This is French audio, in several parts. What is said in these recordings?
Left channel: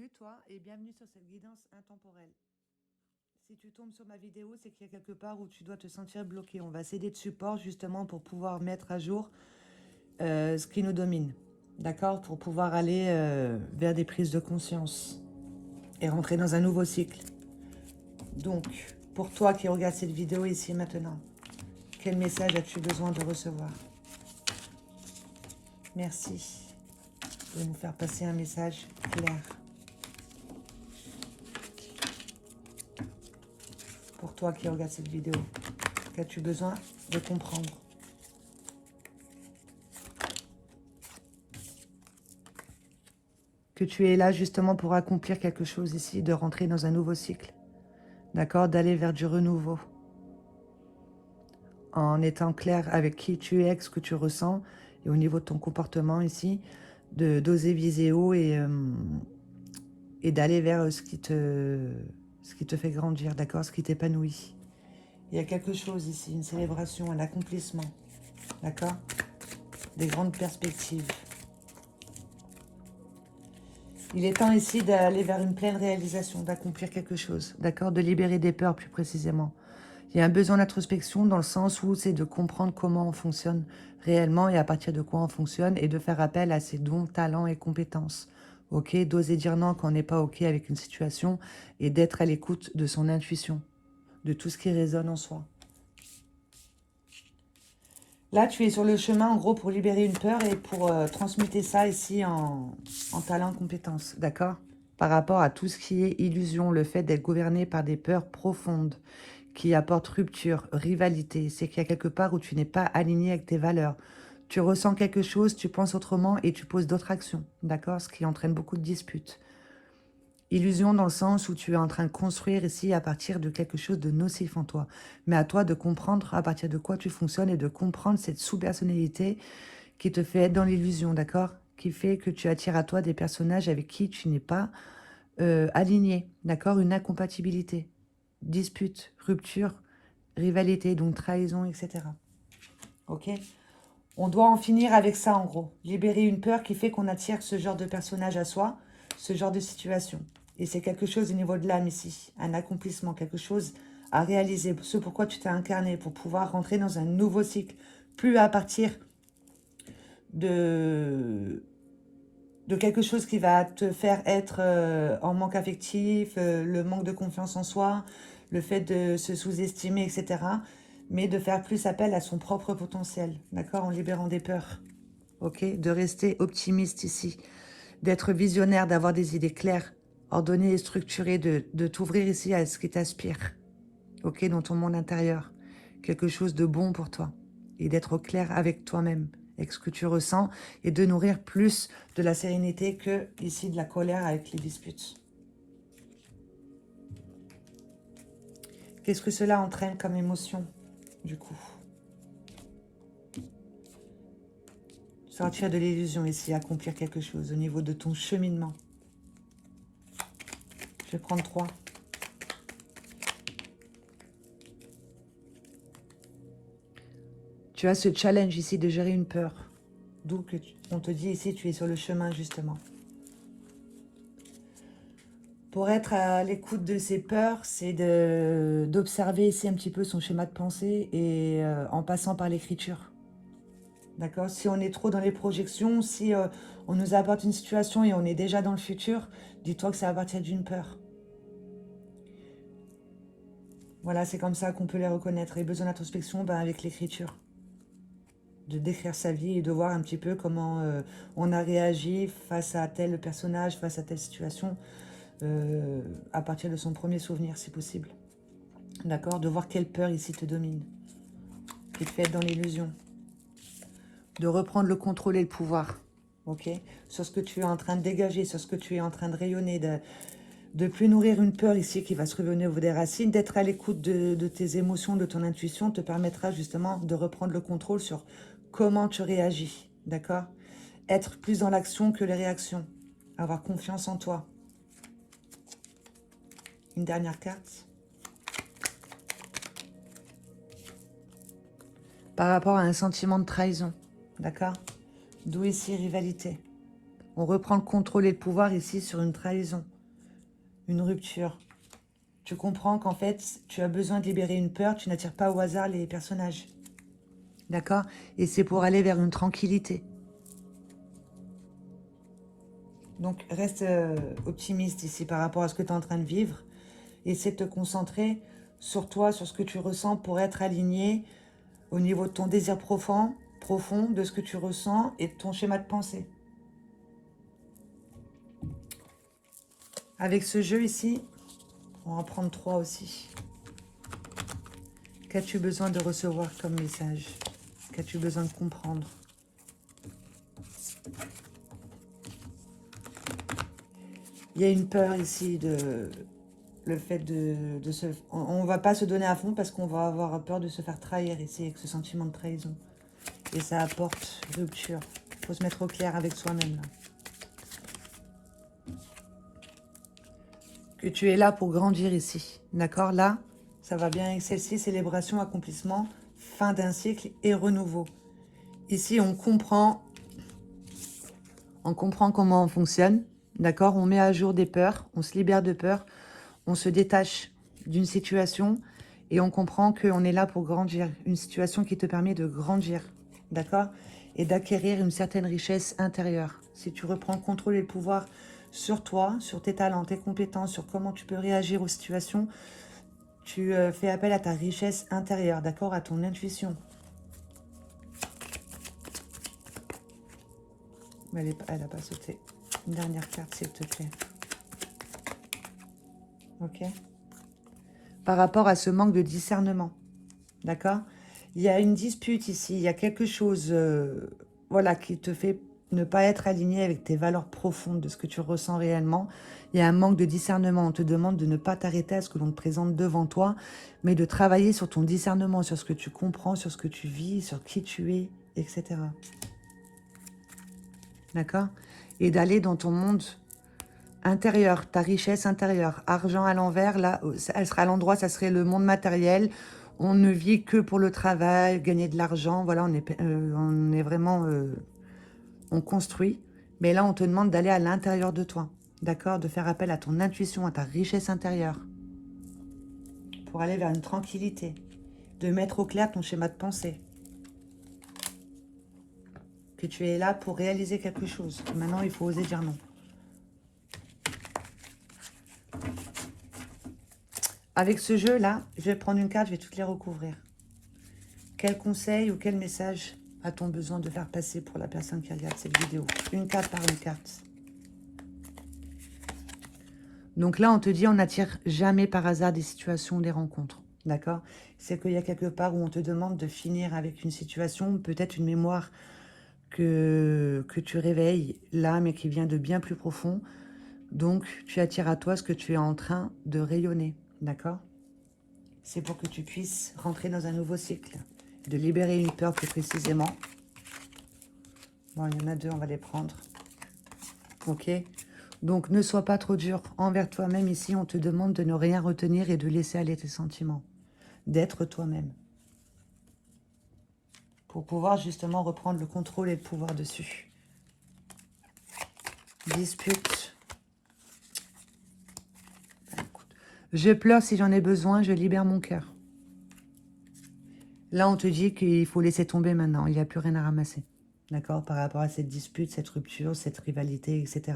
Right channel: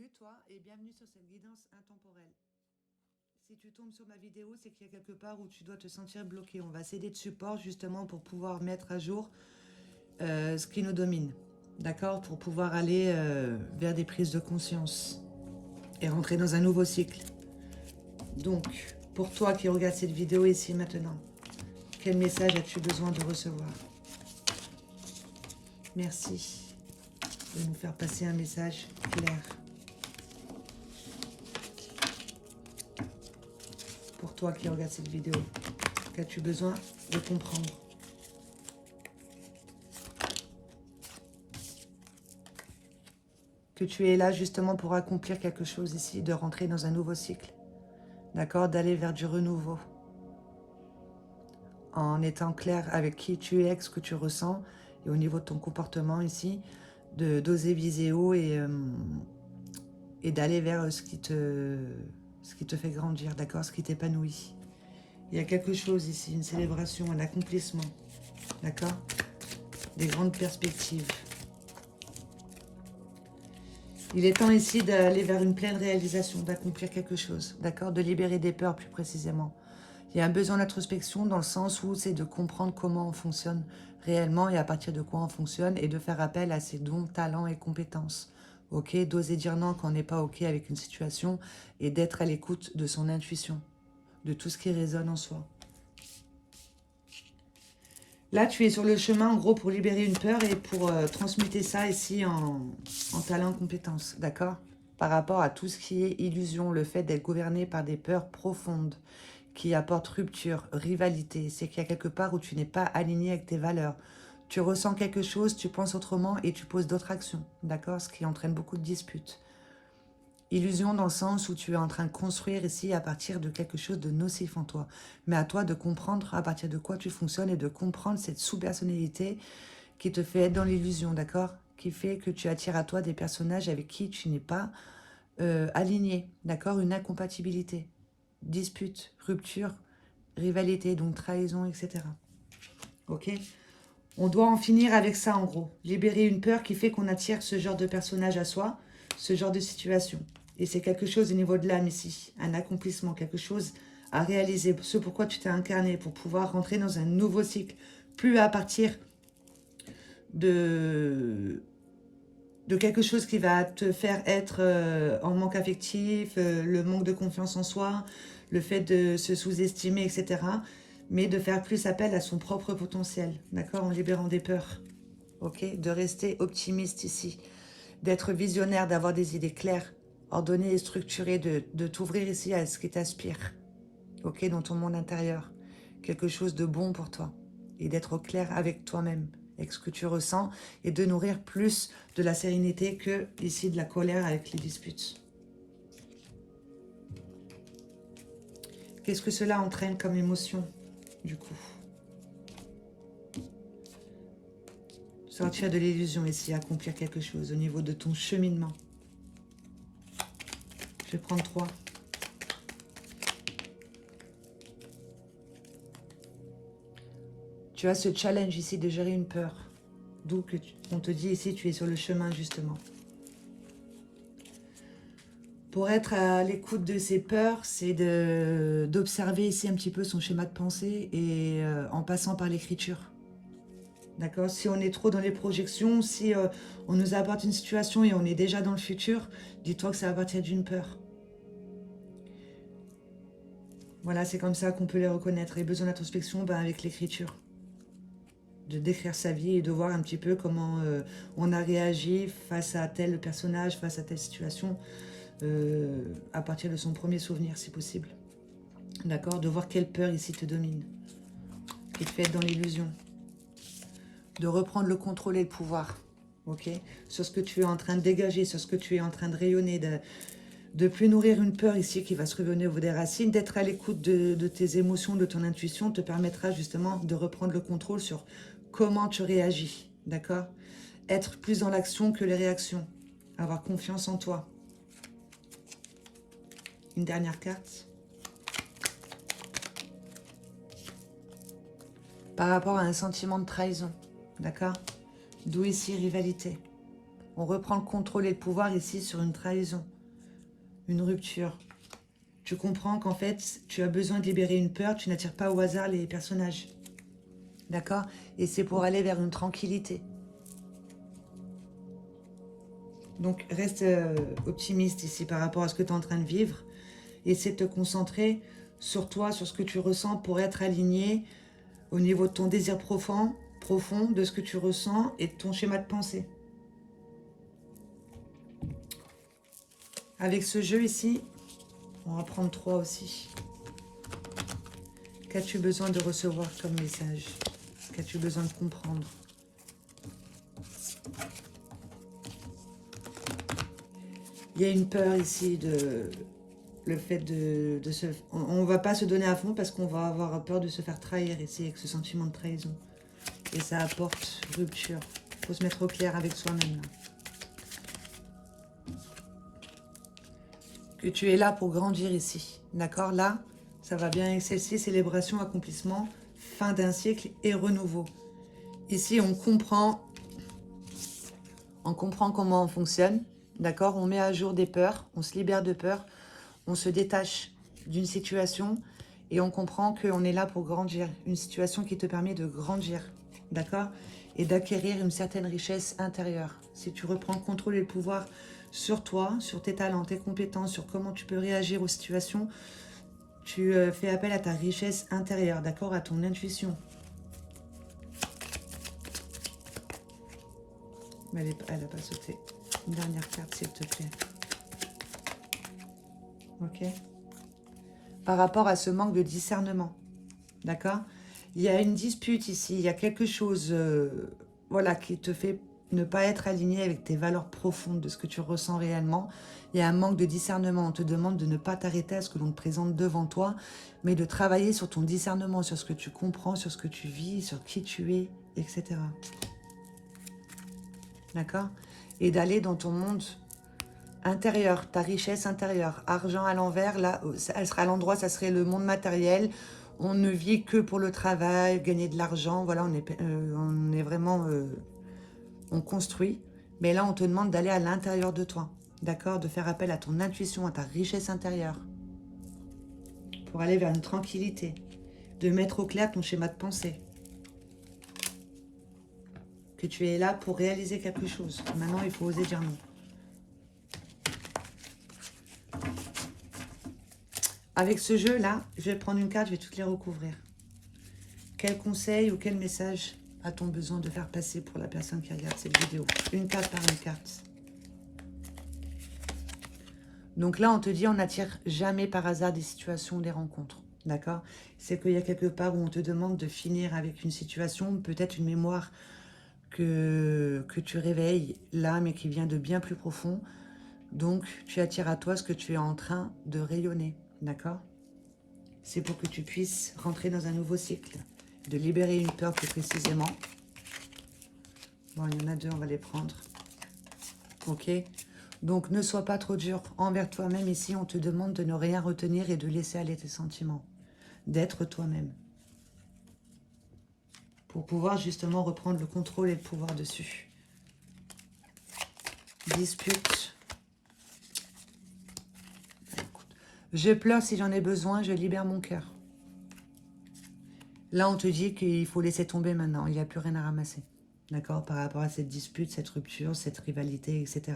Salut toi et bienvenue sur cette guidance intemporelle. Si tu tombes sur ma vidéo, c'est qu'il y a quelque part où tu dois te sentir bloqué. On va s'aider de support justement pour pouvoir mettre à jour ce qui nous domine. D'accord? Pour pouvoir aller vers des prises de conscience et rentrer dans un nouveau cycle. Donc, pour toi qui regarde cette vidéo ici maintenant, quel message as-tu besoin de recevoir? Merci de nous faire passer un message clair. Pour toi qui regarde cette vidéo, qu'as-tu besoin de comprendre? Que tu es là justement pour accomplir quelque chose ici, de rentrer dans un nouveau cycle, d'accord, d'aller vers du renouveau, en étant clair avec qui tu es, avec ce que tu ressens, et au niveau de ton comportement ici, d'oser viser haut et d'aller vers ce qui te fait grandir, d'accord, ce qui t'épanouit. Il y a quelque chose ici, une célébration, un accomplissement, d'accord, des grandes perspectives. Il est temps ici d'aller vers une pleine réalisation, d'accomplir quelque chose, d'accord, de libérer des peurs plus précisément. Il y a un besoin d'introspection dans le sens où c'est de comprendre comment on fonctionne réellement et à partir de quoi on fonctionne et de faire appel à ses dons, talents et compétences. Ok, d'oser dire non quand on n'est pas ok avec une situation et d'être à l'écoute de son intuition, de tout ce qui résonne en soi. Là, tu es sur le chemin, en gros, pour libérer une peur et pour transmuter ça ici en talent, compétence, d'accord? Par rapport à tout ce qui est illusion, le fait d'être gouverné par des peurs profondes qui apportent rupture, rivalité. C'est qu'il y a quelque part où tu n'es pas aligné avec tes valeurs. Tu ressens quelque chose, tu penses autrement et tu poses d'autres actions, d'accord? Ce qui entraîne beaucoup de disputes. Illusion dans le sens où tu es en train de construire ici à partir de quelque chose de nocif en toi. Mais à toi de comprendre à partir de quoi tu fonctionnes et de comprendre cette sous-personnalité qui te fait être dans l'illusion, d'accord? Qui fait que tu attires à toi des personnages avec qui tu n'es pas aligné, d'accord? Une incompatibilité, dispute, rupture, rivalité, donc trahison, etc. Ok? On doit en finir avec ça en gros. Libérer une peur qui fait qu'on attire ce genre de personnage à soi, ce genre de situation. Et c'est quelque chose au niveau de l'âme ici, un accomplissement, quelque chose à réaliser, ce pourquoi tu t'es incarné, pour pouvoir rentrer dans un nouveau cycle, plus à partir de quelque chose qui va te faire être en manque affectif, le manque de confiance en soi, le fait de se sous-estimer, etc. Mais de faire plus appel à son propre potentiel, d'accord, en libérant des peurs, ok, de rester optimiste ici, d'être visionnaire, d'avoir des idées claires, ordonnées et structurées, de t'ouvrir ici à ce qui t'aspire, ok, dans ton monde intérieur, quelque chose de bon pour toi, et d'être au clair avec toi-même, avec ce que tu ressens, et de nourrir plus de la sérénité que ici de la colère avec les disputes. Qu'est-ce que cela entraîne comme émotion, du coup? Sortir de l'illusion ici, accomplir quelque chose au niveau de ton cheminement. Je vais prendre 3. Tu as ce challenge ici de gérer une peur. D'où on te dit ici, tu es sur le chemin justement. Pour être à l'écoute de ses peurs, c'est d'observer ici un petit peu son schéma de pensée et en passant par l'écriture. D'accord? Si on est trop dans les projections, si on nous apporte une situation et on est déjà dans le futur, dis-toi que ça va partir d'une peur. Voilà, c'est comme ça qu'on peut les reconnaître. Et besoin d'introspection, ben, avec l'écriture. De décrire sa vie et de voir un petit peu comment on a réagi face à tel personnage, face à telle situation, à partir de son premier souvenir, si possible. D'accord? De voir quelle peur ici te domine, qui te fait être dans l'illusion. De reprendre le contrôle et le pouvoir, ok? Sur ce que tu es en train de dégager, sur ce que tu es en train de rayonner, de plus nourrir une peur ici qui va se revenir au bout des racines, d'être à l'écoute de tes émotions, de ton intuition, te permettra justement de reprendre le contrôle sur comment tu réagis, d'accord? Être plus dans l'action que les réactions, avoir confiance en toi. Une dernière carte. Par rapport à un sentiment de trahison, d'accord? D'où ici rivalité. On reprend le contrôle et le pouvoir ici sur une trahison, une rupture. Tu comprends qu'en fait, tu as besoin de libérer une peur, tu n'attires pas au hasard les personnages. D'accord? Et c'est pour aller vers une tranquillité. Donc, reste optimiste ici par rapport à ce que tu es en train de vivre. Essaie de te concentrer sur toi, sur ce que tu ressens pour être aligné au niveau de ton désir profond, de ce que tu ressens et de ton schéma de pensée. Avec ce jeu ici, on va prendre 3 aussi. Qu'as-tu besoin de recevoir comme message? Qu'as-tu besoin de comprendre? Il y a une peur ici de... Le fait de se... On ne va pas se donner à fond parce qu'on va avoir peur de se faire trahir ici avec ce sentiment de trahison. Et ça apporte rupture. Il faut se mettre au clair avec soi-même. Que tu es là pour grandir ici. D'accord? Là, ça va bien avec celle-ci. Célébration, accomplissement, fin d'un cycle et renouveau. Ici, on comprend comment on fonctionne. D'accord? On met à jour des peurs. On se libère de peurs. On se détache d'une situation et on comprend qu'on est là pour grandir. Une situation qui te permet de grandir, d'accord? Et d'acquérir une certaine richesse intérieure. Si tu reprends le contrôle et le pouvoir sur toi, sur tes talents, tes compétences, sur comment tu peux réagir aux situations, tu fais appel à ta richesse intérieure, d'accord? À ton intuition. Mais elle n'a pas sauté. Une dernière carte, s'il te plaît. Ok. Par rapport à ce manque de discernement. D'accord? Il y a une dispute ici. Il y a quelque chose voilà, qui te fait ne pas être aligné avec tes valeurs profondes, de ce que tu ressens réellement. Il y a un manque de discernement. On te demande de ne pas t'arrêter à ce que l'on te présente devant toi, mais de travailler sur ton discernement, sur ce que tu comprends, sur ce que tu vis, sur qui tu es, etc. D'accord? Et d'aller dans ton monde intérieur, ta richesse intérieure. Argent à l'envers, là, elle sera à l'endroit, ça serait le monde matériel. On ne vit que pour le travail, gagner de l'argent. Voilà, on est vraiment... on construit. Mais là, on te demande d'aller à l'intérieur de toi. D'accord? De faire appel à ton intuition, à ta richesse intérieure. Pour aller vers une tranquillité. De mettre au clair ton schéma de pensée. Que tu es là pour réaliser quelque chose. Maintenant, il faut oser dire non. Avec ce jeu-là, je vais prendre une carte, je vais toutes les recouvrir. Quel conseil ou quel message a-t-on besoin de faire passer pour la personne qui regarde cette vidéo? Une carte par une carte. Donc là, on te dit, on n'attire jamais par hasard des situations, des rencontres. D'accord? C'est qu'il y a quelque part où on te demande de finir avec une situation, peut-être une mémoire que tu réveilles là, mais qui vient de bien plus profond. Donc, tu attires à toi ce que tu es en train de rayonner. D'accord? C'est pour que tu puisses rentrer dans un nouveau cycle, de libérer une peur plus précisément. Bon, il y en a 2, on va les prendre. Ok? Donc, ne sois pas trop dur envers toi-même. Ici, on te demande de ne rien retenir et de laisser aller tes sentiments. D'être toi-même. Pour pouvoir justement reprendre le contrôle et le pouvoir dessus. Dispute. Je pleure si j'en ai besoin, je libère mon cœur. Là, on te dit qu'il faut laisser tomber maintenant. Il n'y a plus rien à ramasser. D'accord? Par rapport à cette dispute, cette rupture, cette rivalité, etc.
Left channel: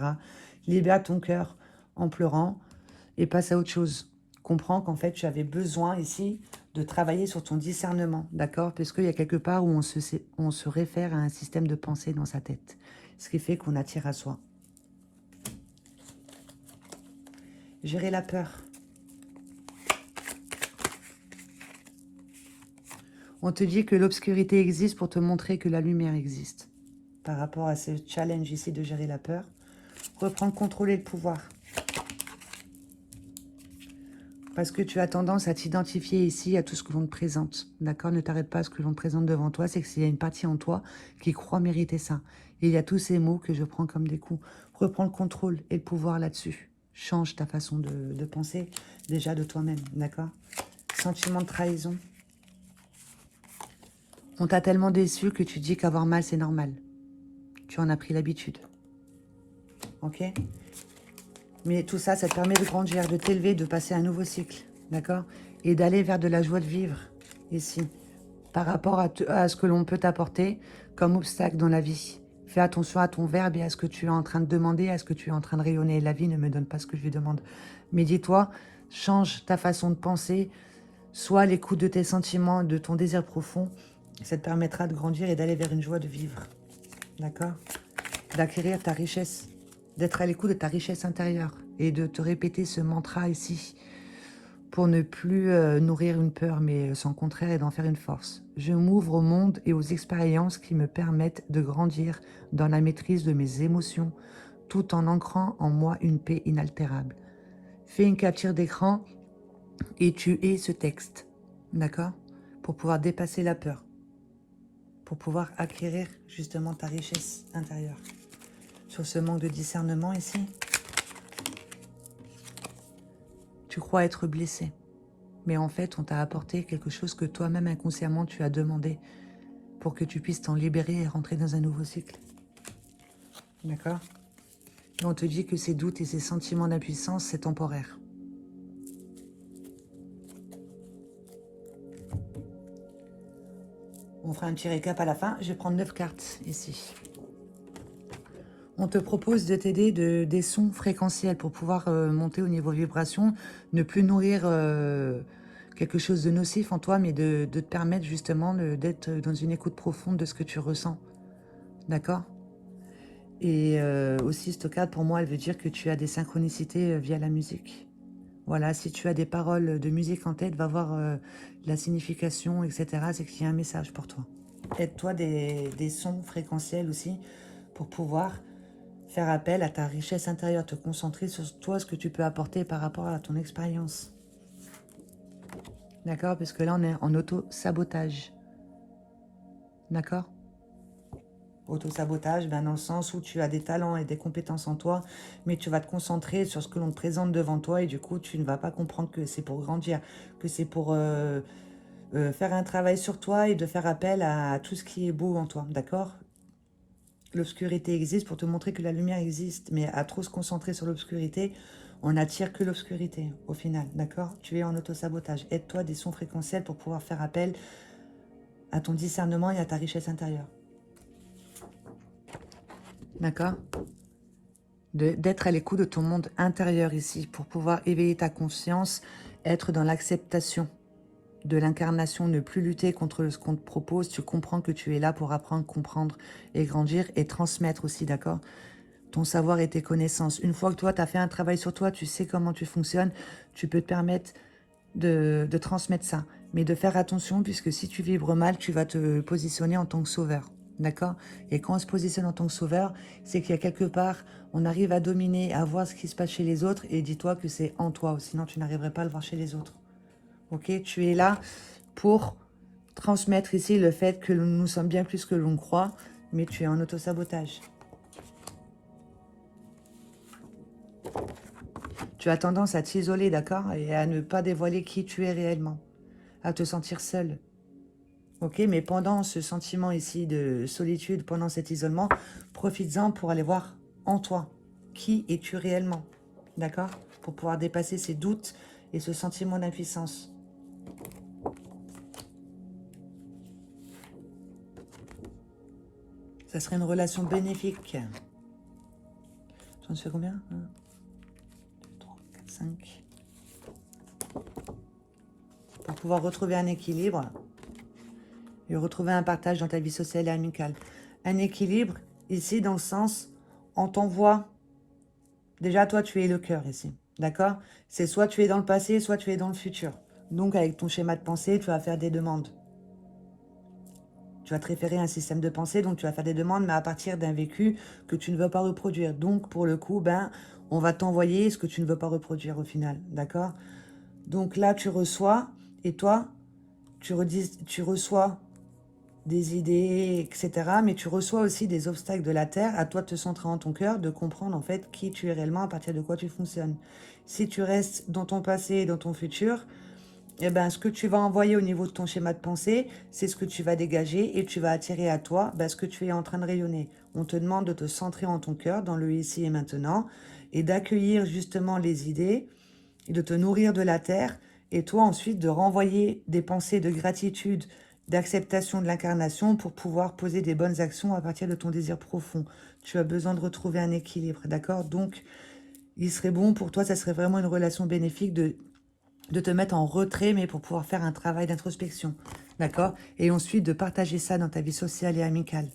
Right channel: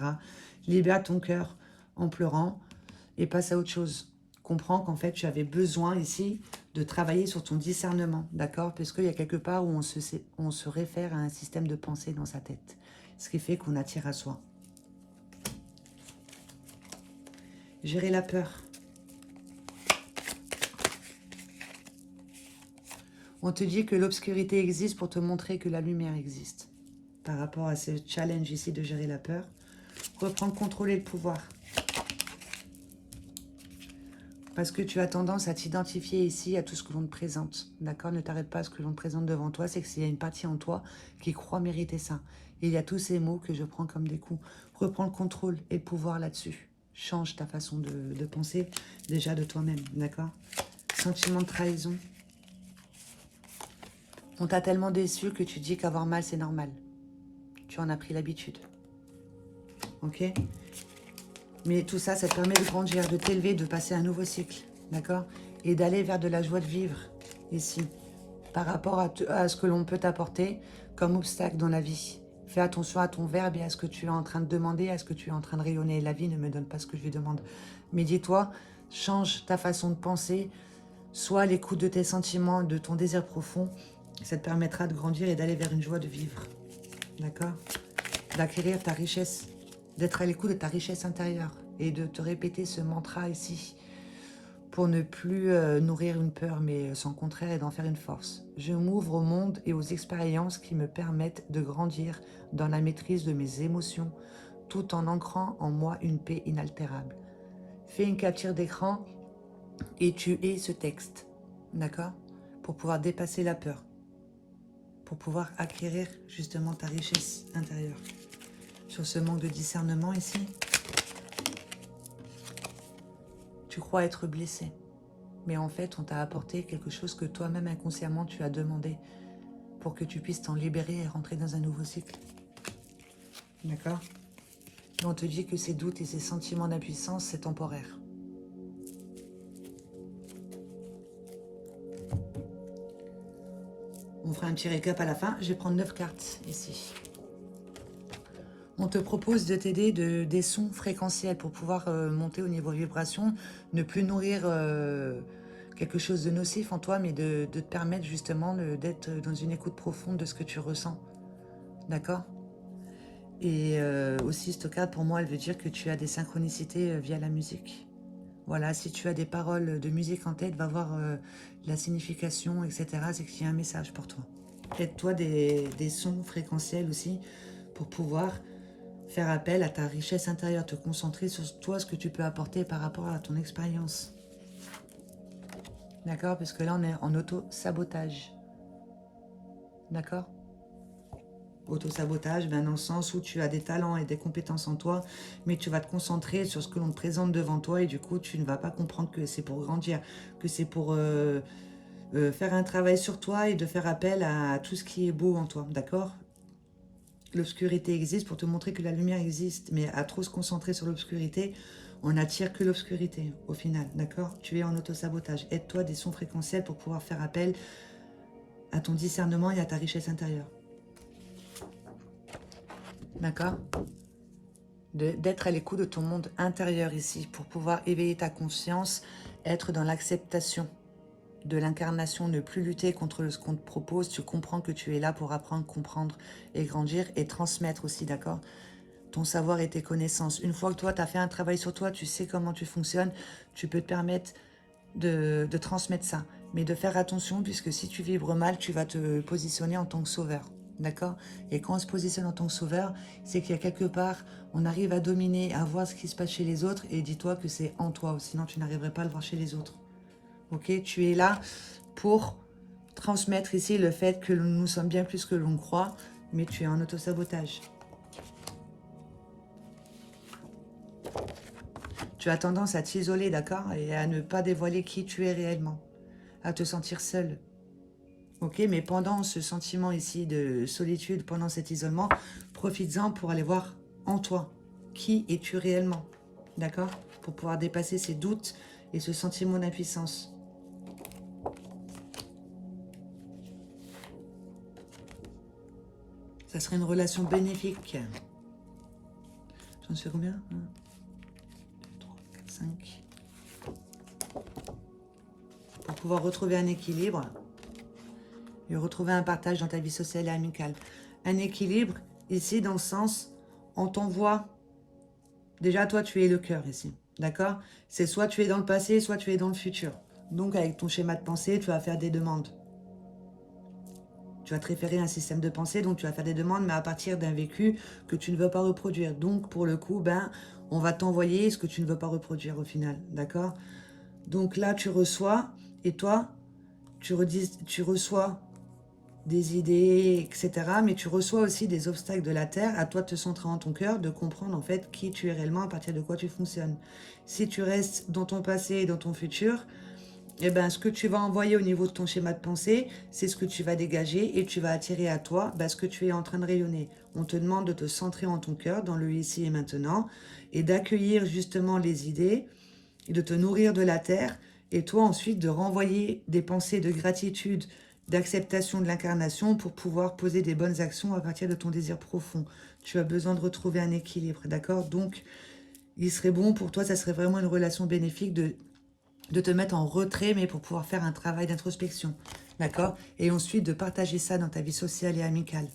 Libère ton cœur en pleurant et passe à autre chose. Comprends qu'en fait, tu avais besoin ici de travailler sur ton discernement. D'accord? Parce qu'il y a quelque part où on se réfère à un système de pensée dans sa tête. Ce qui fait qu'on attire à soi. Gérer la peur. On te dit que l'obscurité existe pour te montrer que la lumière existe. Par rapport à ce challenge ici de gérer la peur, reprends le contrôle et le pouvoir. Parce que tu as tendance à t'identifier ici à tout ce que l'on te présente. D'accord? Ne t'arrête pas à ce que l'on te présente devant toi. C'est qu'il y a une partie en toi qui croit mériter ça. Et il y a tous ces mots que je prends comme des coups. Reprends le contrôle et le pouvoir là-dessus. Change ta façon de penser déjà de toi-même. D'accord? Sentiment de trahison. On t'a tellement déçu que tu dis qu'avoir mal, c'est normal. Tu en as pris l'habitude. ok? Mais tout ça, ça te permet de grandir, de t'élever, de passer un nouveau cycle, d'accord? Et d'aller vers de la joie de vivre, ici, par rapport à ce que l'on peut t'apporter comme obstacle dans la vie. Fais attention à ton verbe et à ce que tu es en train de demander, à ce que tu es en train de rayonner. La vie ne me donne pas ce que je lui demande. Mais dis-toi, change ta façon de penser, sois à l'écoute de tes sentiments, de ton désir profond. Ça te permettra de grandir et d'aller vers une joie de vivre, d'accord? D'acquérir ta richesse, d'être à l'écoute de ta richesse intérieure et de te répéter ce mantra ici pour ne plus nourrir une peur, mais son contraire et d'en faire une force. Je m'ouvre au monde et aux expériences qui me permettent de grandir dans la maîtrise de mes émotions, tout en ancrant en moi une paix inaltérable. Fais une capture d'écran et tu es ce texte, d'accord? Pour pouvoir dépasser la peur, pour pouvoir acquérir justement ta richesse intérieure. Sur ce manque de discernement ici, tu crois être blessé. Mais en fait, on t'a apporté quelque chose que toi-même inconsciemment tu as demandé pour que tu puisses t'en libérer et rentrer dans un nouveau cycle. D'accord? Et on te dit que ces doutes et ces sentiments d'impuissance, c'est temporaire. On fera un petit récap à la fin. Je vais prendre 9 cartes ici. On te propose de t'aider des sons fréquentiels pour pouvoir monter au niveau vibration, ne plus nourrir quelque chose de nocif en toi, mais de te permettre justement d'être dans une écoute profonde de ce que tu ressens. D'accord? Et aussi, cette carte, pour moi, elle veut dire que tu as des synchronicités via la musique. Voilà, si tu as des paroles de musique en tête, va voir la signification, etc. C'est qu'il y a un message pour toi. Aide-toi des sons fréquentiels aussi pour pouvoir faire appel à ta richesse intérieure, te concentrer sur toi, ce que tu peux apporter par rapport à ton expérience. D'accord? Parce que là, on est en auto-sabotage. D'accord? Auto-sabotage, ben dans le sens où tu as des talents et des compétences en toi, mais tu vas te concentrer sur ce que l'on te présente devant toi et du coup, tu ne vas pas comprendre que c'est pour grandir, que c'est pour faire un travail sur toi et de faire appel à tout ce qui est beau en toi. D'accord? L'obscurité existe pour te montrer que la lumière existe, mais à trop se concentrer sur l'obscurité, on n'attire que l'obscurité au final, d'accord? Tu es en auto-sabotage. Aide-toi des sons fréquentiels pour pouvoir faire appel à ton discernement et à ta richesse intérieure. D'accord? D'être à l'écoute de ton monde intérieur ici, pour pouvoir éveiller ta conscience, être dans l'acceptation de l'incarnation, ne plus lutter contre ce qu'on te propose. Tu comprends que tu es là pour apprendre, comprendre et grandir et transmettre aussi, d'accord? Ton savoir et tes connaissances. Une fois que toi, tu as fait un travail sur toi, tu sais comment tu fonctionnes, tu peux te permettre de transmettre ça. Mais de faire attention, puisque si tu vibres mal, tu vas te positionner en tant que sauveur. D'accord? Et quand on se positionne en tant que sauveur, c'est qu'il y a quelque part, on arrive à dominer, à voir ce qui se passe chez les autres, et dis-toi que c'est en toi, sinon tu n'arriverais pas à le voir chez les autres. Ok? Tu es là pour transmettre ici le fait que nous sommes bien plus que l'on croit, mais tu es en autosabotage. Tu as tendance à t'isoler, d'accord? Et à ne pas dévoiler qui tu es réellement. À te sentir seul. Ok? Mais pendant ce sentiment ici de solitude, pendant cet isolement, profites-en pour aller voir en toi. Qui es-tu réellement? D'accord? Pour pouvoir dépasser ces doutes et ce sentiment d'impuissance. Ça serait une relation bénéfique. Tu en sais combien? 1, 2, 3, 4, 5. Pour pouvoir retrouver un équilibre et retrouver un partage dans ta vie sociale et amicale. Un équilibre, ici, dans le sens, on t'envoie... Déjà, toi, tu es le cœur ici, d'accord? C'est soit tu es dans le passé, soit tu es dans le futur. Donc, avec ton schéma de pensée, tu vas faire des demandes. Tu vas te référer à un système de pensée, donc tu vas faire des demandes, mais à partir d'un vécu que tu ne veux pas reproduire. Donc, pour le coup, ben, on va t'envoyer ce que tu ne veux pas reproduire au final, d'accord? Donc là, tu reçois, et toi, tu reçois des idées, etc. Mais tu reçois aussi des obstacles de la Terre, à toi de te centrer en ton cœur, de comprendre en fait qui tu es réellement, à partir de quoi tu fonctionnes. Si tu restes dans ton passé et dans ton futur, eh ben, ce que tu vas envoyer au niveau de ton schéma de pensée, c'est ce que tu vas dégager et tu vas attirer à toi ce que tu es en train de rayonner. On te demande de te centrer en ton cœur, dans le ici et maintenant, et d'accueillir justement les idées et de te nourrir de la terre, et toi ensuite de renvoyer des pensées de gratitude, d'acceptation de l'incarnation pour pouvoir poser des bonnes actions à partir de ton désir profond. Tu as besoin de retrouver un équilibre, d'accord? Donc, il serait bon pour toi, ça serait vraiment une relation bénéfique de te mettre en retrait, mais pour pouvoir faire un travail d'introspection, d'accord? Et ensuite de partager ça dans ta vie sociale et amicale.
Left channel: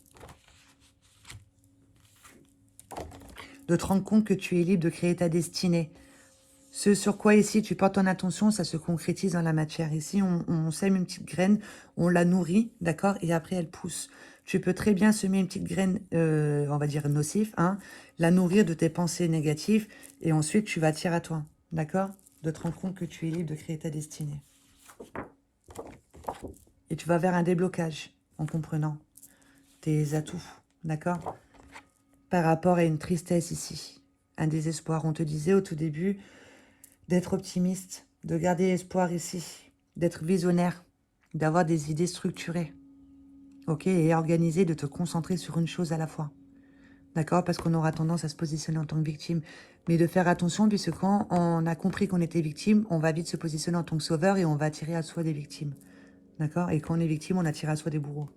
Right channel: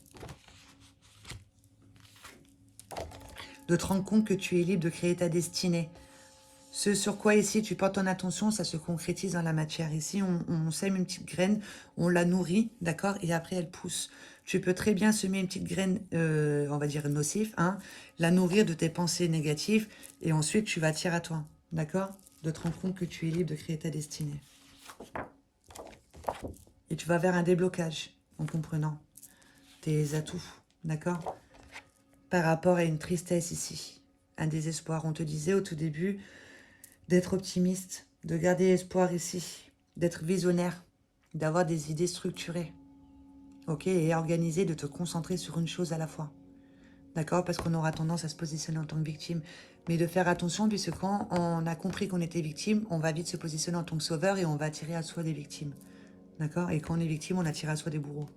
De te rendre compte que tu es libre de créer ta destinée. Ce sur quoi ici tu portes ton attention, ça se concrétise dans la matière. Ici, on sème une petite graine, on la nourrit, d'accord? Et après, elle pousse. Tu peux très bien semer une petite graine, on va dire nocif, hein, la nourrir de tes pensées négatives, et ensuite tu vas tirer à toi, d'accord? De te rendre compte que tu es libre de créer ta destinée. Et tu vas vers un déblocage en comprenant tes atouts, d'accord? Par rapport à une tristesse ici, un désespoir. On te disait au tout début d'être optimiste, de garder espoir ici, d'être visionnaire, d'avoir des idées structurées, ok, et organisées, de te concentrer sur une chose à la fois, d'accord? Parce qu'on aura tendance à se positionner en tant que victime, mais de faire attention, puisque quand on a compris qu'on était victime, on va vite se positionner en tant que sauveur et on va attirer à soi des victimes, d'accord? Et quand on est victime, on attire à soi des bourreaux.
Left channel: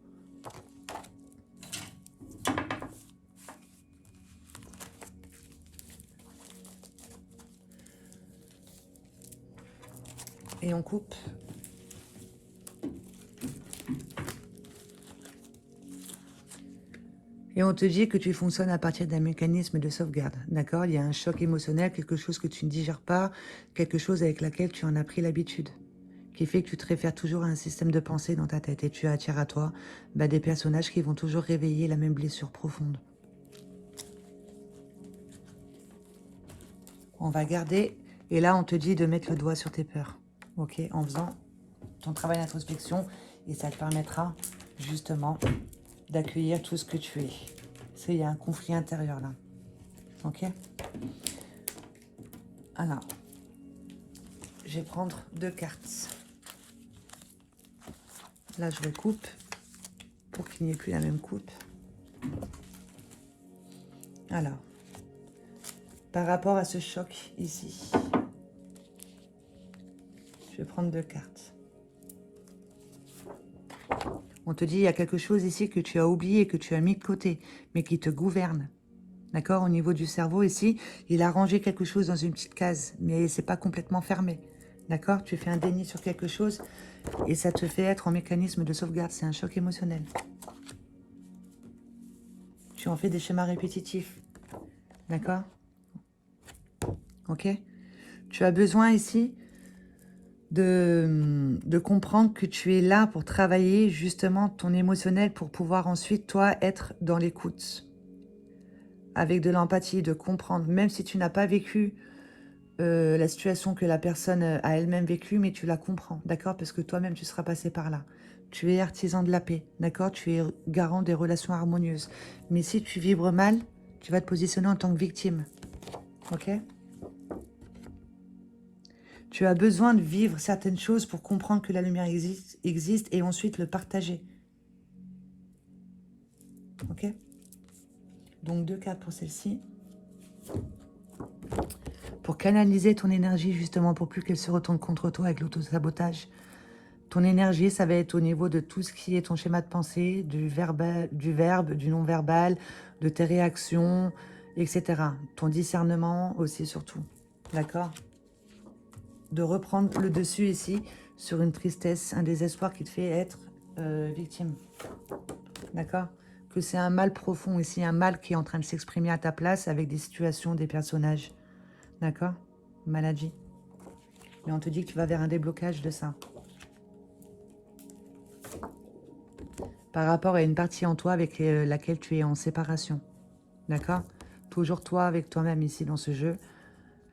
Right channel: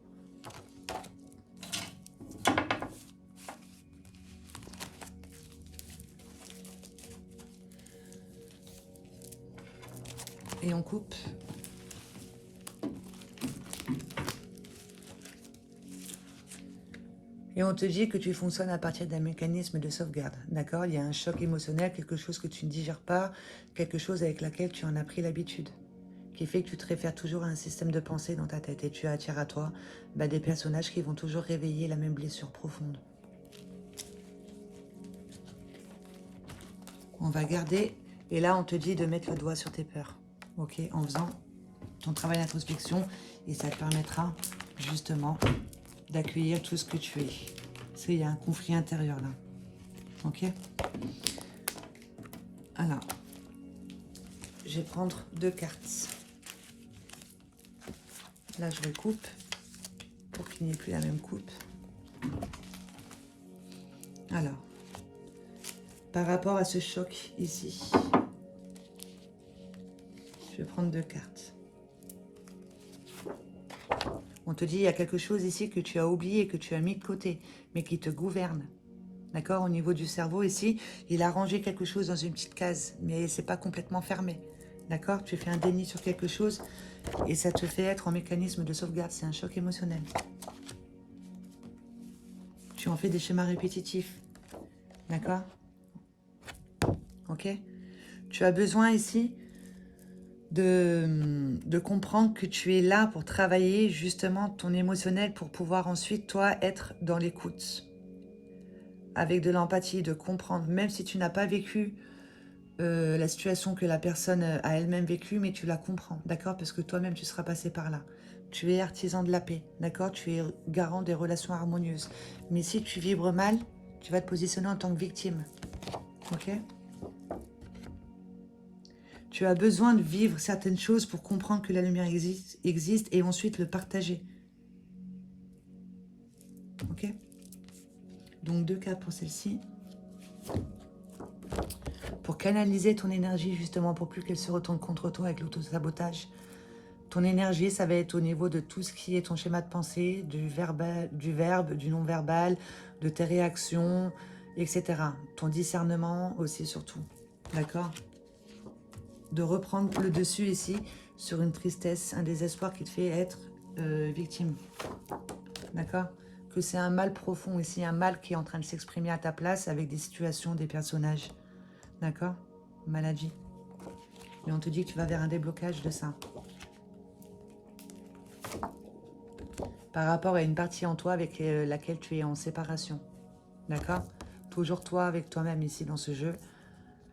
Et on coupe. Et on te dit que tu fonctionnes à partir d'un mécanisme de sauvegarde, d'accord? Il y a un choc émotionnel, quelque chose que tu ne digères pas, quelque chose avec laquelle tu en as pris l'habitude, qui fait que tu te réfères toujours à un système de pensée dans ta tête et tu attires à toi des personnages qui vont toujours réveiller la même blessure profonde. On va garder, et là on te dit de mettre le doigt sur tes peurs, ok? En faisant ton travail d'introspection, et ça te permettra justement d'accueillir tout ce que tu es. Parce qu'il y a un conflit intérieur là. Ok? Alors, je vais prendre 2 cartes. Là, je le coupe pour qu'il n'y ait plus la même coupe. Alors, par rapport à ce choc ici, je vais prendre 2 cartes. On te dit, il y a quelque chose ici que tu as oublié, que tu as mis de côté, mais qui te gouverne. D'accord? Au niveau du cerveau, ici, il a rangé quelque chose dans une petite case, mais c'est pas complètement fermé. D'accord? Tu fais un déni sur quelque chose et ça te fait être en mécanisme de sauvegarde. C'est un choc émotionnel. Tu en fais des schémas répétitifs. D'accord? Ok? Tu as besoin ici de comprendre que tu es là pour travailler justement ton émotionnel pour pouvoir ensuite, toi, être dans l'écoute. Avec de l'empathie, de comprendre, même si tu n'as pas vécu la situation que la personne a elle-même vécue, mais tu la comprends, d'accord? Parce que toi-même, tu seras passé par là. Tu es artisan de la paix, d'accord? Tu es garant des relations harmonieuses. Mais si tu vibres mal, tu vas te positionner en tant que victime, ok? Tu as besoin de vivre certaines choses pour comprendre que la lumière existe et ensuite le partager. Ok? Donc 2 cartes pour celle-ci. Pour canaliser ton énergie, justement, pour plus qu'elle se retourne contre toi avec l'auto-sabotage. Ton énergie, ça va être au niveau de tout ce qui est ton schéma de pensée, du verbe, du non-verbal, de tes réactions, etc. Ton discernement aussi, surtout. D'accord? De reprendre le dessus ici sur une tristesse, un désespoir qui te fait être victime. D'accord? Que c'est un mal profond ici, un mal qui est en train de s'exprimer à ta place avec des situations, des personnages. D'accord? Maladie. Et on te dit que tu vas vers un déblocage de ça. Par rapport à une partie en toi avec laquelle tu es en séparation. D'accord? Toujours toi avec toi-même ici dans ce jeu.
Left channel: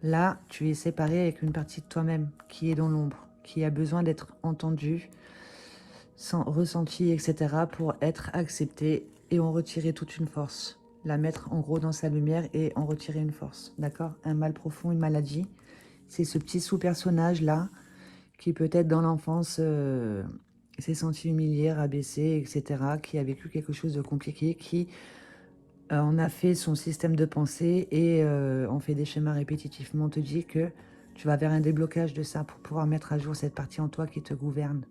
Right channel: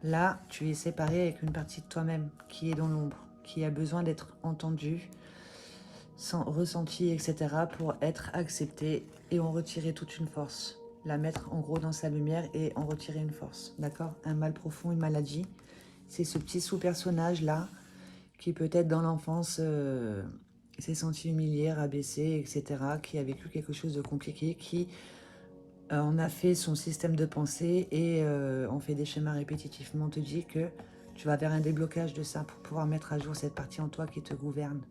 Là, tu es séparé avec une partie de toi-même qui est dans l'ombre, qui a besoin d'être entendue, ressentie, etc. pour être acceptée et en retirer toute une force. La mettre en gros dans sa lumière et en retirer une force. D'accord? Un mal profond, une maladie. C'est ce petit sous-personnage là qui peut-être dans l'enfance s'est senti humilié, rabaissé, etc., qui a vécu quelque chose de compliqué, qui en a fait son système de pensée et on fait des schémas répétitifs. Mais on te dit que tu vas vers un déblocage de ça pour pouvoir mettre à jour cette partie en toi qui te gouverne,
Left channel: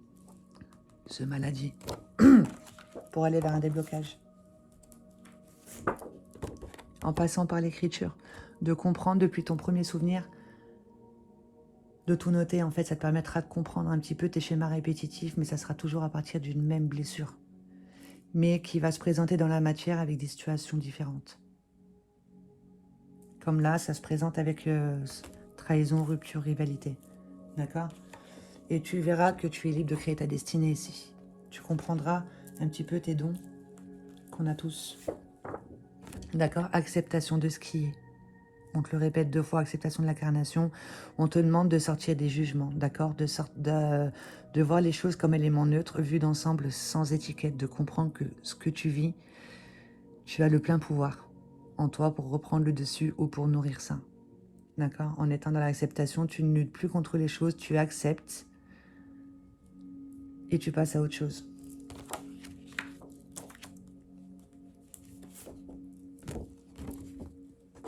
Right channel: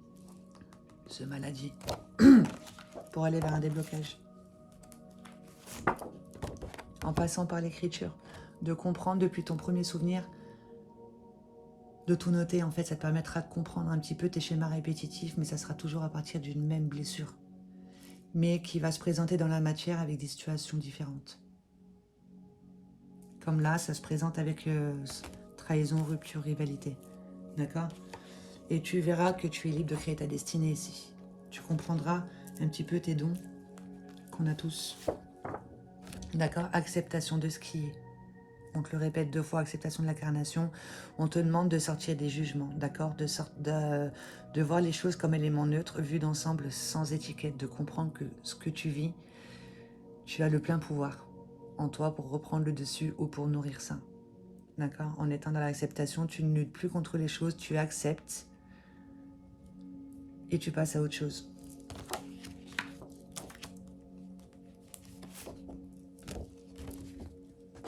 ce maladie, pour aller vers un déblocage. En passant par l'écriture, de comprendre depuis ton premier souvenir, de tout noter, en fait, ça te permettra de comprendre un petit peu tes schémas répétitifs, mais ça sera toujours à partir d'une même blessure, mais qui va se présenter dans la matière avec des situations différentes. Comme là, ça se présente avec trahison, rupture, rivalité. D'accord? Et tu verras que tu es libre de créer ta destinée ici. Tu comprendras un petit peu tes dons qu'on a tous. D'accord? Acceptation de ce qui est. On te le répète 2 fois, acceptation de l'incarnation. On te demande de sortir des jugements, d'accord? De voir les choses comme éléments neutres, vus d'ensemble, sans étiquette, de comprendre que ce que tu vis, tu as le plein pouvoir en toi pour reprendre le dessus ou pour nourrir ça. D'accord? En étant dans l'acceptation, tu ne luttes plus contre les choses, tu acceptes et tu passes à autre chose.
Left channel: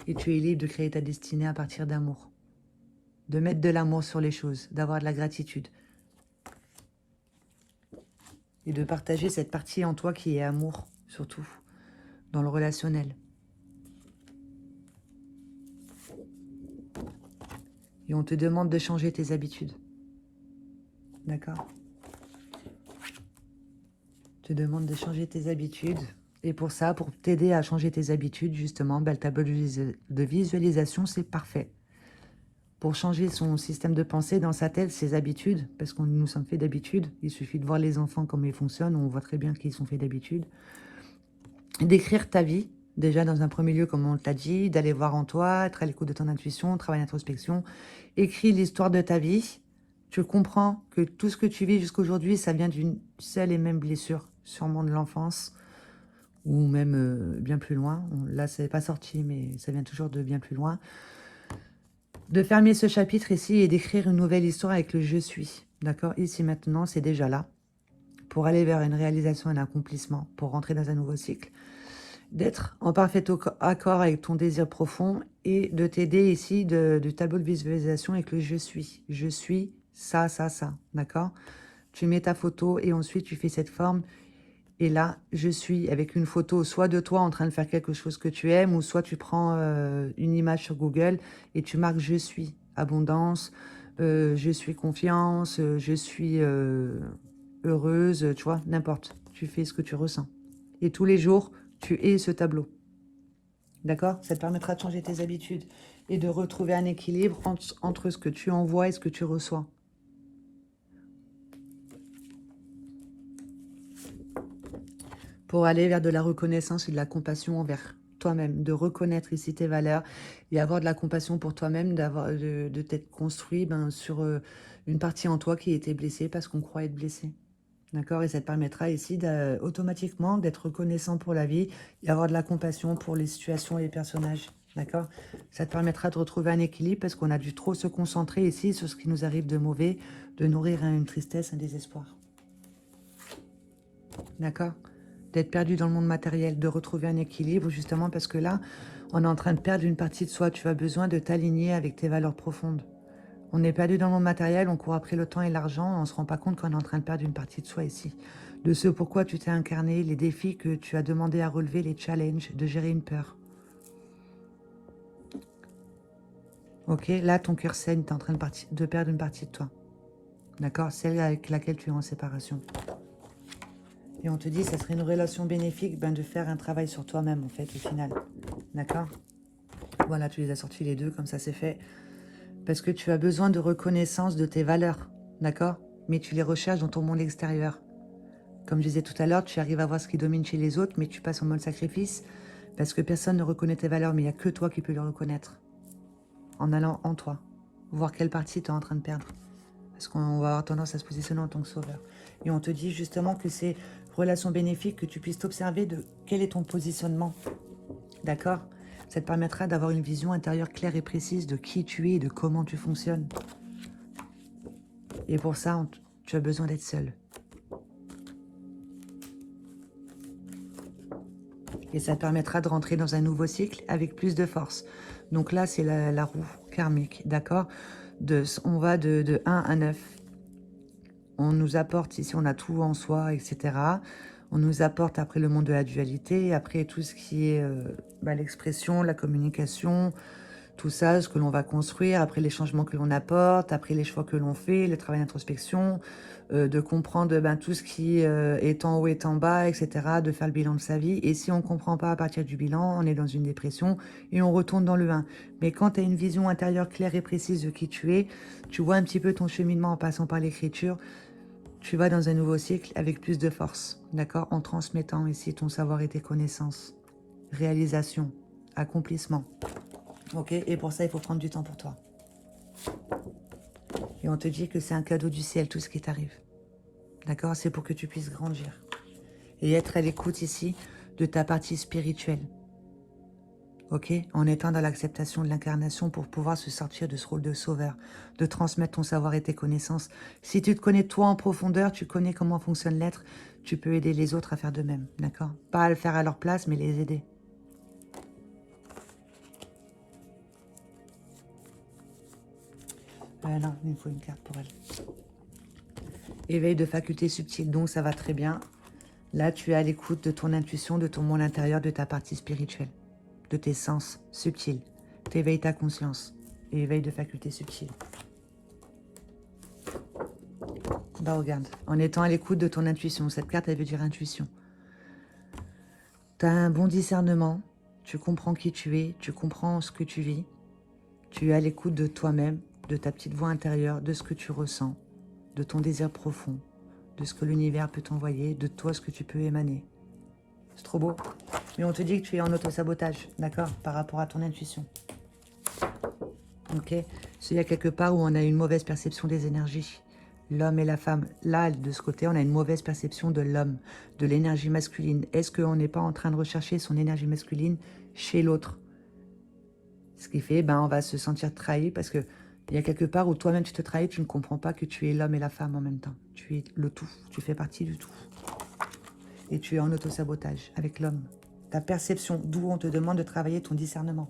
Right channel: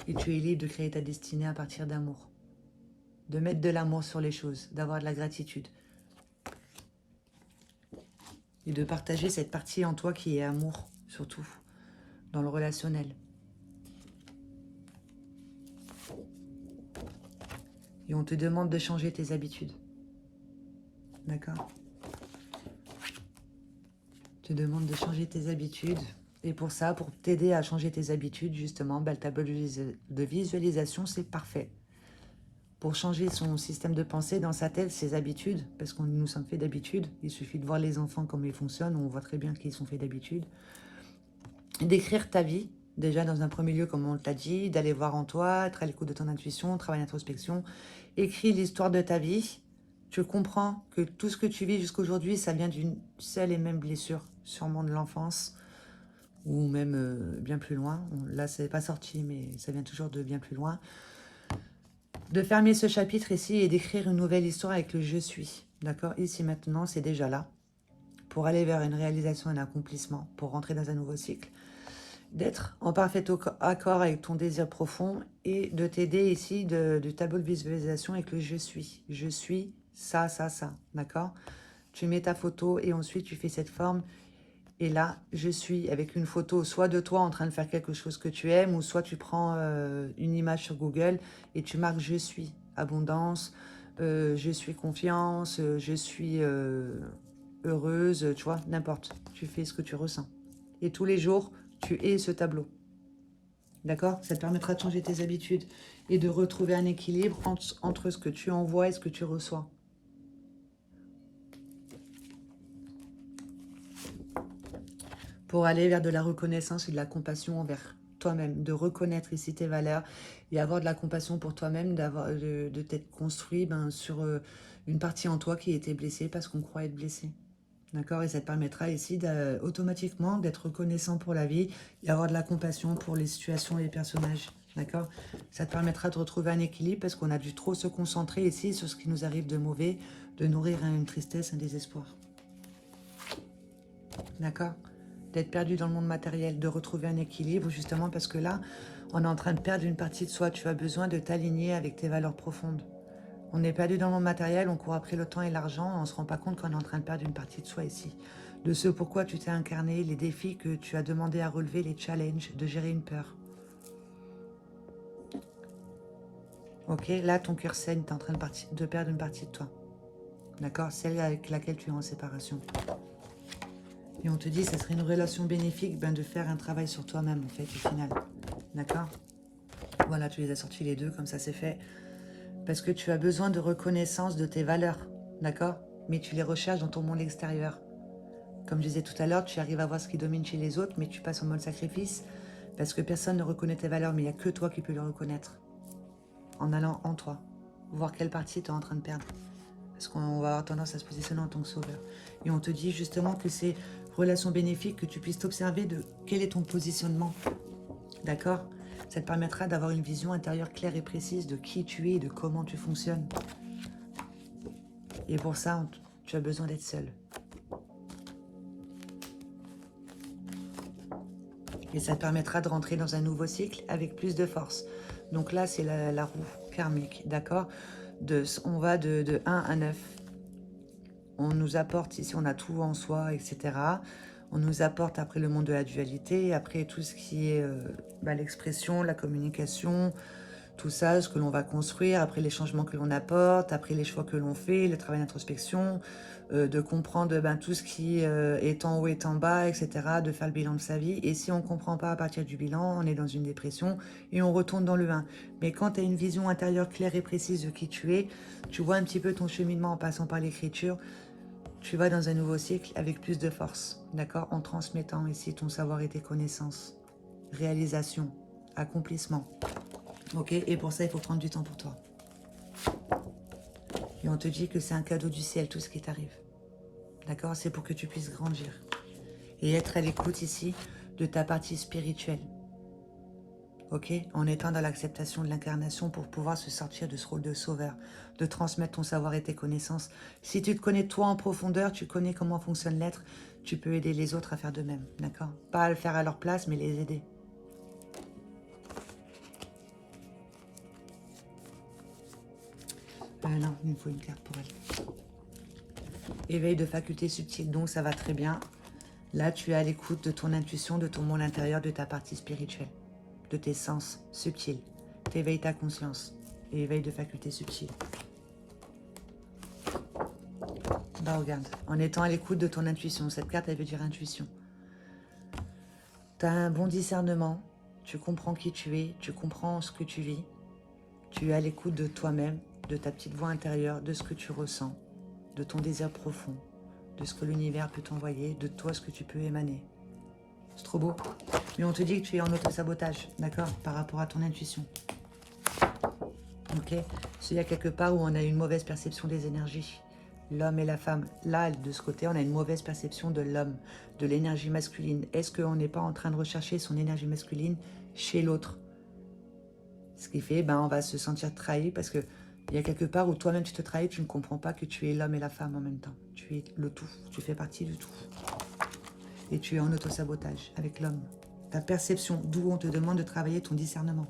Et tu es libre de créer ta destinée à partir d'amour. De mettre de l'amour sur les choses, d'avoir de la gratitude. Et de partager cette partie en toi qui est amour, surtout, dans le relationnel. Et on te demande de changer tes habitudes. D'accord? On te demande de changer tes habitudes. Et pour ça, pour t'aider à changer tes habitudes, justement, le tableau de visualisation, c'est parfait. Pour changer son système de pensée dans sa tête, ses habitudes, parce qu'on nous sommes faits d'habitude, il suffit de voir les enfants comme ils fonctionnent, on voit très bien qu'ils sont faits d'habitude. D'écrire ta vie, déjà dans un premier lieu, comme on te l'a dit, d'aller voir en toi, être à l'écoute de ton intuition, travail d'introspection. Écris l'histoire de ta vie. Tu comprends que tout ce que tu vis jusqu'aujourd'hui, ça vient d'une seule et même blessure, sûrement de l'enfance, ou même bien plus loin. Là, ça n'est pas sorti, mais ça vient toujours de bien plus loin. De fermer ce chapitre ici et d'écrire une nouvelle histoire avec le « je suis ». D'accord? Ici, maintenant, c'est déjà là. Pour aller vers une réalisation, un accomplissement, pour rentrer dans un nouveau cycle. D'être en parfait accord avec ton désir profond et de t'aider ici du tableau de visualisation avec le « je suis ». Je suis ça, ça, ça. D'accord? Tu mets ta photo et ensuite tu fais cette forme. Et là, je suis avec une photo soit de toi en train de faire quelque chose que tu aimes, ou soit tu prends une image sur Google et tu marques « je suis abondance »,« je suis confiance »,« je suis heureuse », tu vois, n'importe. Tu fais ce que tu ressens. Et tous les jours, tu es ce tableau. D'accord? Ça te permettra de changer tes habitudes et de retrouver un équilibre entre ce que tu envoies et ce que tu reçois. Pour aller vers de la reconnaissance et de la compassion envers toi-même, de reconnaître ici tes valeurs et avoir de la compassion pour toi-même, de t'être construit sur une partie en toi qui était blessée parce qu'on croit être blessé. D'accord? Et ça te permettra ici automatiquement d'être reconnaissant pour la vie et avoir de la compassion pour les situations et les personnages. D'accord? Ça te permettra de retrouver un équilibre parce qu'on a dû trop se concentrer ici sur ce qui nous arrive de mauvais, de nourrir une tristesse, un désespoir. D'accord? D'être perdu dans le monde matériel, de retrouver un équilibre, justement parce que là, on est en train de perdre une partie de soi. Tu as besoin de t'aligner avec tes valeurs profondes. On est perdu dans le monde matériel, on court après le temps et l'argent, on ne se rend pas compte qu'on est en train de perdre une partie de soi ici. De ce pourquoi tu t'es incarné, les défis que tu as demandé à relever, les challenges, de gérer une peur. Ok, là ton cœur saigne, tu es en train de perdre une partie de toi. D'accord? Celle avec laquelle tu es en séparation. Et on te dit, ça serait une relation bénéfique de faire un travail sur toi-même, en fait, au final. D'accord? Voilà, tu les as sortis les deux, comme ça c'est fait. Parce que tu as besoin de reconnaissance de tes valeurs. D'accord? Mais tu les recherches dans ton monde extérieur. Comme je disais tout à l'heure, tu arrives à voir ce qui domine chez les autres, mais tu passes en mode sacrifice. Parce que personne ne reconnaît tes valeurs, mais il n'y a que toi qui peux le reconnaître. En allant en toi. Voir quelle partie tu es en train de perdre. Parce qu'on va avoir tendance à se positionner en tant que sauveur. Et on te dit justement que c'est relation bénéfique, que tu puisses t'observer de quel est ton positionnement. D'accord? Ça te permettra d'avoir une vision intérieure claire et précise de qui tu es et de comment tu fonctionnes. Et pour ça, tu as besoin d'être seul. Et ça te permettra de rentrer dans un nouveau cycle avec plus de force. Donc là, c'est la roue karmique, d'accord? On va de 1 à 9. On nous apporte, ici on a tout en soi, etc. On nous apporte après le monde de la dualité, après tout ce qui est l'expression, la communication, tout ça, ce que l'on va construire, après les changements que l'on apporte, après les choix que l'on fait, le travail d'introspection, de comprendre tout ce qui est en haut et en bas, etc., de faire le bilan de sa vie. Et si on ne comprend pas à partir du bilan, on est dans une dépression et on retourne dans le 1. Mais quand tu as une vision intérieure claire et précise de qui tu es, tu vois un petit peu ton cheminement en passant par l'écriture, tu vas dans un nouveau cycle avec plus de force, d'accord? En transmettant ici ton savoir et tes connaissances. Réalisation, accomplissement. Ok? Et pour ça, il faut prendre du temps pour toi. Et on te dit que c'est un cadeau du ciel, tout ce qui t'arrive. D'accord? C'est pour que tu puisses grandir. Et être à l'écoute ici de ta partie spirituelle. Ok? En étant dans l'acceptation de l'incarnation pour pouvoir se sortir de ce rôle de sauveur, de transmettre ton savoir et tes connaissances. Si tu te connais toi en profondeur, tu connais comment fonctionne l'être, tu peux aider les autres à faire de même. D'accord? Pas à le faire à leur place, mais les aider. Ah non, il me faut une carte pour elle. Éveil de facultés subtiles, donc ça va très bien. Là, tu es à l'écoute de ton intuition, de ton monde intérieur, de ta partie spirituelle, de tes sens subtils. T'éveilles ta conscience. Éveil de facultés subtiles. Bah regarde, en étant à l'écoute de ton intuition, cette carte elle veut dire intuition. Tu as un bon discernement, tu comprends qui tu es, tu comprends ce que tu vis, tu es à l'écoute de toi-même, de ta petite voix intérieure, de ce que tu ressens, de ton désir profond, de ce que l'univers peut t'envoyer, de toi ce que tu peux émaner. C'est trop beau. Mais on te dit que tu es en auto-sabotage, d'accord, par rapport à ton intuition. Ok, il y a quelque part où on a une mauvaise perception des énergies. L'homme et la femme. Là, de ce côté, on a une mauvaise perception de l'homme, de l'énergie masculine. Est-ce qu'on n'est pas en train de rechercher son énergie masculine chez l'autre? Ce qui fait, on va se sentir trahi parce qu'il y a quelque part où toi-même tu te trahis, tu ne comprends pas que tu es l'homme et la femme en même temps. Tu es le tout, tu fais partie du tout. Et tu es en auto-sabotage avec l'homme. Ta perception, d'où on te demande de travailler ton discernement.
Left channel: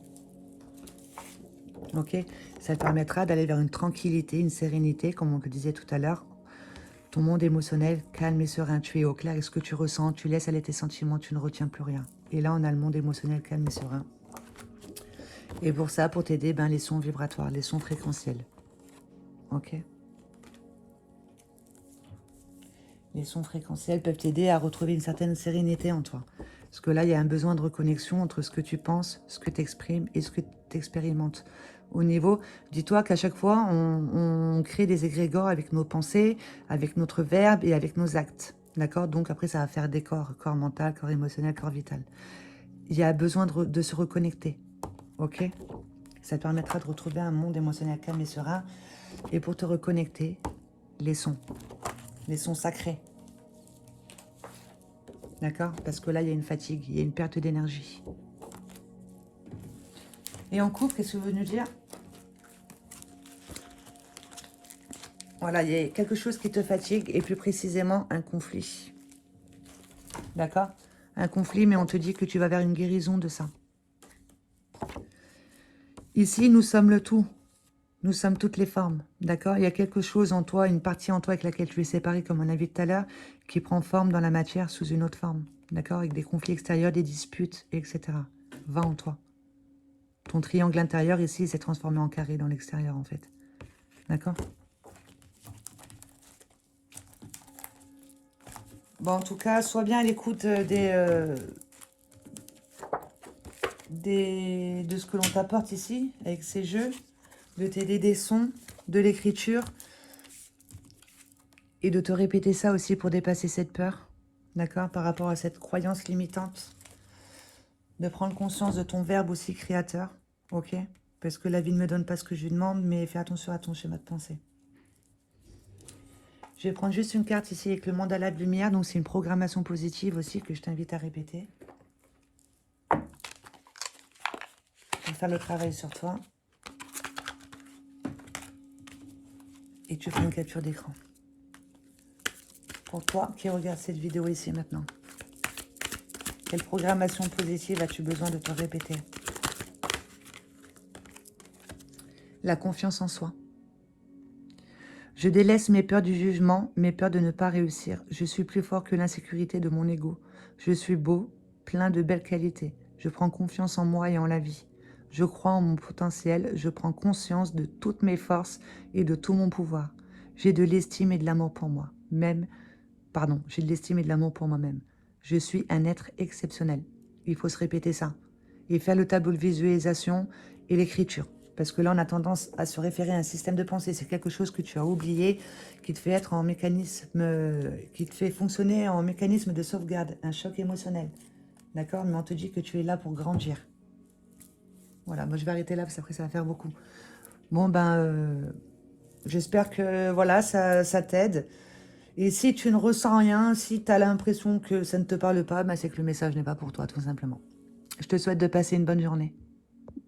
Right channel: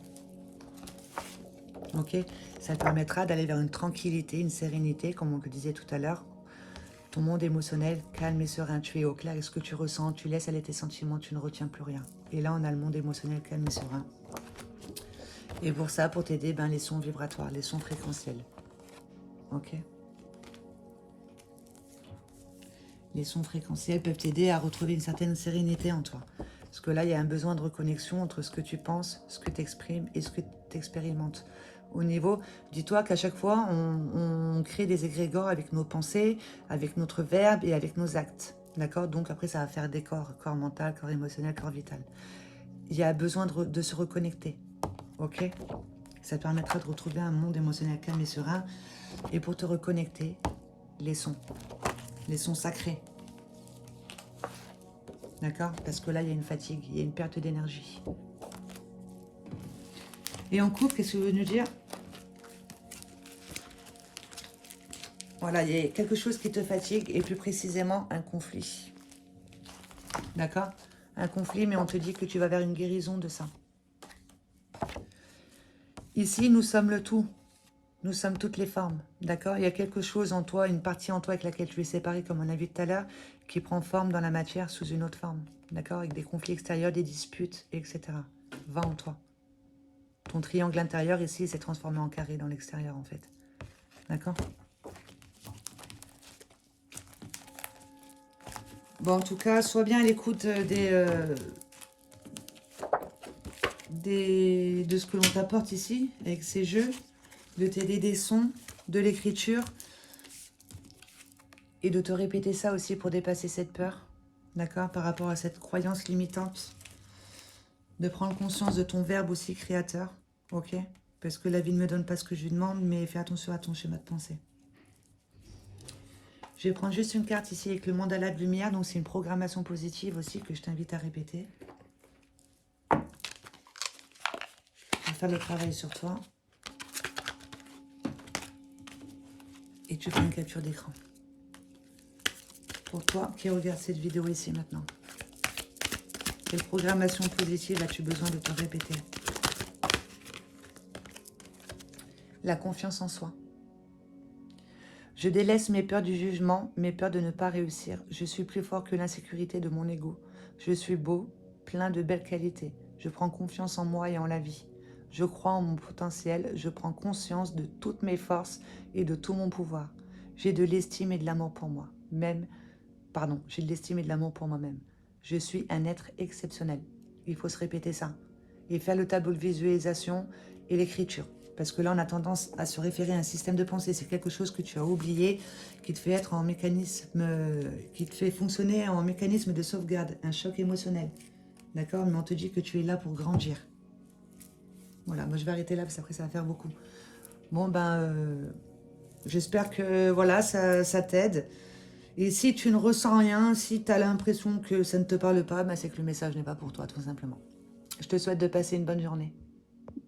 Ok, ça te permettra d'aller vers une tranquillité, une sérénité, comme on le disait tout à l'heure. Ton monde émotionnel, calme et serein, tu es au clair. Est-ce que tu ressens? Tu laisses aller tes sentiments, tu ne retiens plus rien. Et là, on a le monde émotionnel, calme et serein. Et pour ça, pour t'aider, les sons vibratoires, les sons fréquentiels. Ok. Les sons fréquentiels peuvent t'aider à retrouver une certaine sérénité en toi. Parce que là, il y a un besoin de reconnexion entre ce que tu penses, ce que tu exprimes et ce que tu expérimentes. Au niveau, dis-toi qu'à chaque fois, on crée des égrégores avec nos pensées, avec notre verbe et avec nos actes. D'accord? Donc après, ça va faire des corps, corps mental, corps émotionnel, corps vital. Il y a besoin de se reconnecter. Ok? Ça te permettra de retrouver un monde émotionnel calme et serein. Et pour te reconnecter, les sons sacrés. D'accord? Parce que là, il y a une fatigue, il y a une perte d'énergie. Et en couple, qu'est-ce que ça veut nous dire? Voilà, il y a quelque chose qui te fatigue, et plus précisément, un conflit. D'accord? Un conflit, mais on te dit que tu vas vers une guérison de ça. Ici, nous sommes le tout. Nous sommes toutes les formes. D'accord? Il y a quelque chose en toi, une partie en toi avec laquelle tu es séparé, comme on a vu tout à l'heure, qui prend forme dans la matière sous une autre forme. D'accord? Avec des conflits extérieurs, des disputes, etc. Va en toi. Ton triangle intérieur, ici, s'est transformé en carré dans l'extérieur, en fait. D'accord? Bon, en tout cas, sois bien à l'écoute de ce que l'on t'apporte ici, avec ces jeux, de t'aider des sons, de l'écriture, et de te répéter ça aussi pour dépasser cette peur, d'accord, par rapport à cette croyance limitante, de prendre conscience de ton verbe aussi créateur, ok, parce que la vie ne me donne pas ce que je lui demande, mais fais attention à ton schéma de pensée. Je vais prendre juste une carte ici avec le mandala de lumière, donc c'est une programmation positive aussi que je t'invite à répéter. On va faire le travail sur toi. Et tu fais une capture d'écran. Pour toi qui regarde cette vidéo ici maintenant. Quelle programmation positive as-tu besoin de te répéter? La confiance en soi. Je délaisse mes peurs du jugement, mes peurs de ne pas réussir. Je suis plus fort que l'insécurité de mon ego. Je suis beau, plein de belles qualités. Je prends confiance en moi et en la vie. Je crois en mon potentiel. Je prends conscience de toutes mes forces et de tout mon pouvoir. J'ai de l'estime et de l'amour pour moi. J'ai de l'estime et de l'amour pour moi-même. Je suis un être exceptionnel. Il faut se répéter ça. Et faire le tableau de visualisation et l'écriture. Parce que là, on a tendance à se référer à un système de pensée. C'est quelque chose que tu as oublié, qui te fait être en mécanisme, qui te fait fonctionner en mécanisme de sauvegarde, un choc émotionnel. D'accord? Mais on te dit que tu es là pour grandir. Voilà, moi je vais arrêter là parce qu'après ça va faire beaucoup. Bon, j'espère que voilà, ça t'aide. Et si tu ne ressens rien, si tu as l'impression que ça ne te parle pas, c'est que le message n'est pas pour toi, tout simplement. Je te souhaite de passer une bonne journée.